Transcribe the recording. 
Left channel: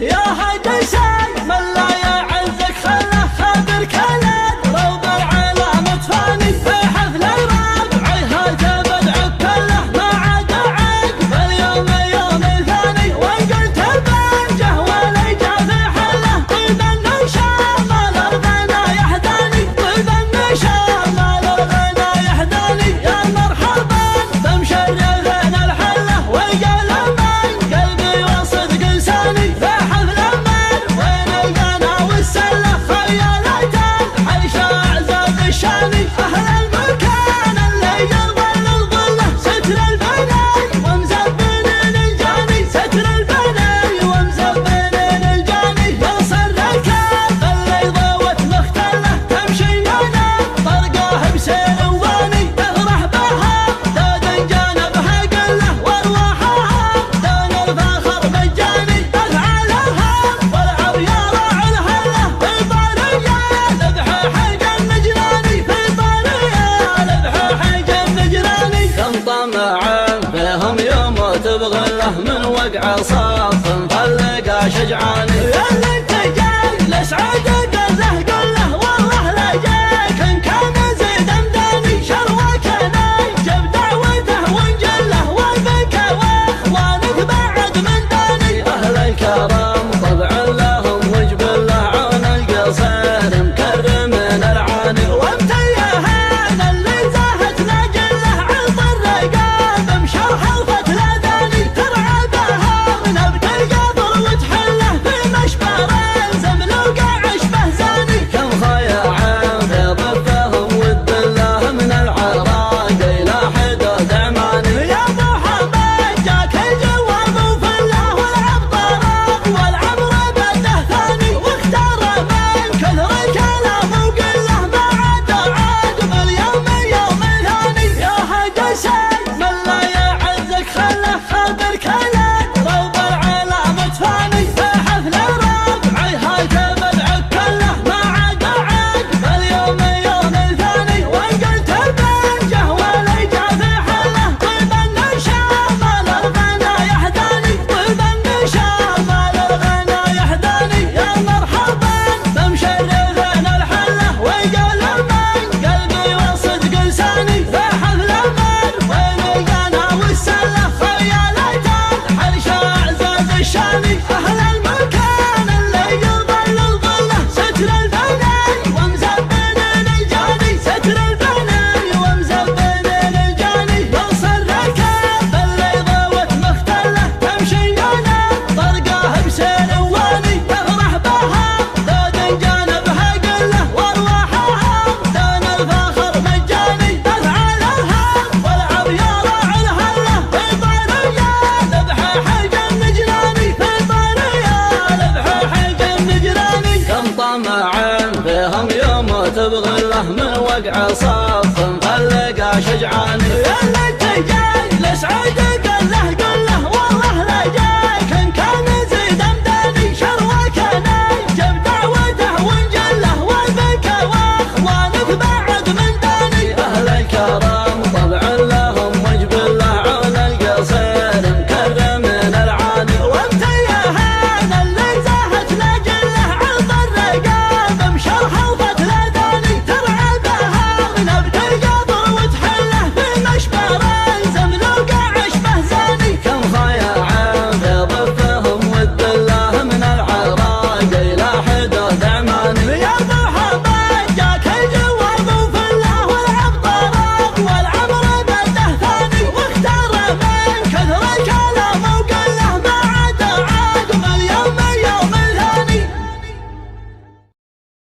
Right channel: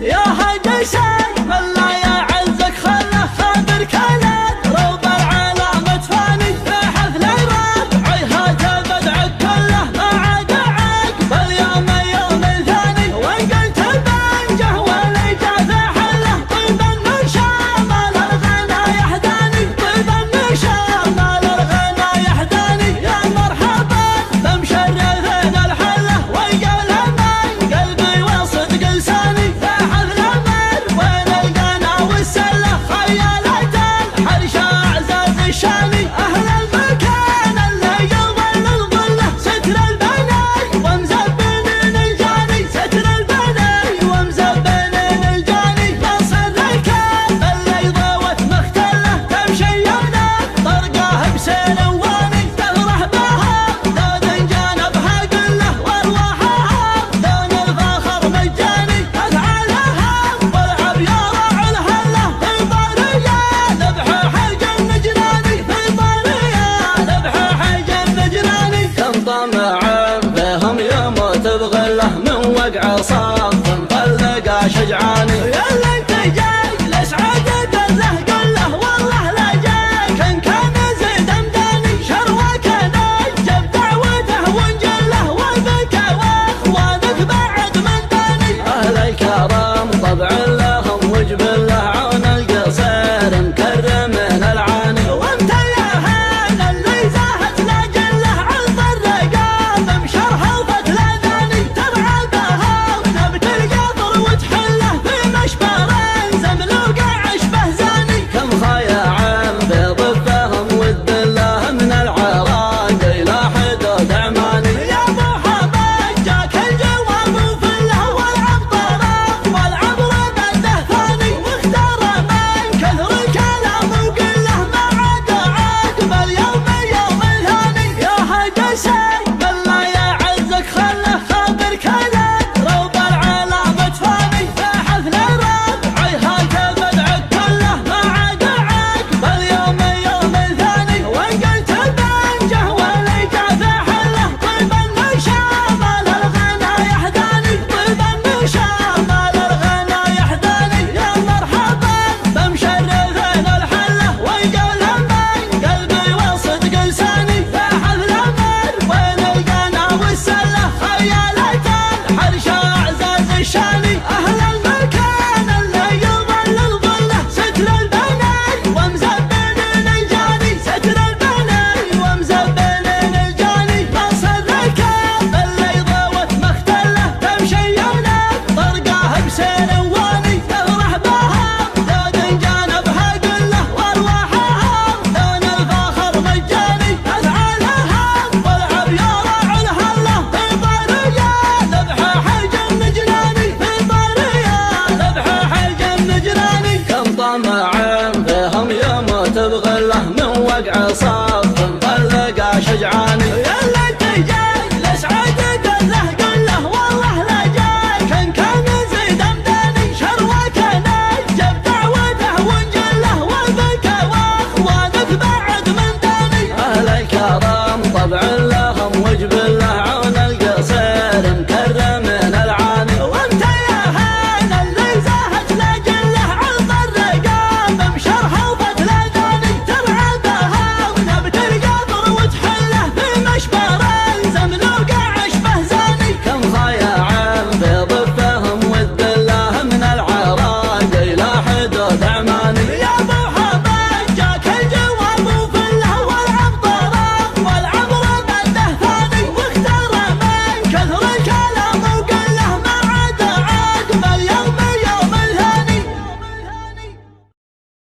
يا هاجي سيف لا يعزك خله خابر كلد روب العالم تفاني في حفل الربع هذا بدعك كله ما عاد عقب اليوم يوم ثاني وان قلت البنجه وليجا في حله طيب النشام الغنى يحداني طيب النشام الغنى يحداني يا مرحبا بمشرف الحله ويقال من قلبي وصدق لساني في حفل المر وين القنا والسله خيالات الحرش اعزاز الشاني اهل المكان اللي يظل الظله ستر البني ومزبنين الجاني ستر البني ومزبنين الجاني يصل الكاف اللي ضوت مختله تمشي انا طرقاه بسلواني تفرح بها دود جانبها قله وارواحها دون الفخر مجاني افعالها والعب يا راعي الهله في طاريه ذبح حج النجراني في طاريه ذبح حج النجراني كم طمع فيهم يموت بغله من وقع صف مفلقه شجعاني يلا انت جاي لسعد قله قله والله لا جاك ان كان زيد مداني شروك نجب دعوته ونجله وبك واخوانك بعد من داني اهل الكرم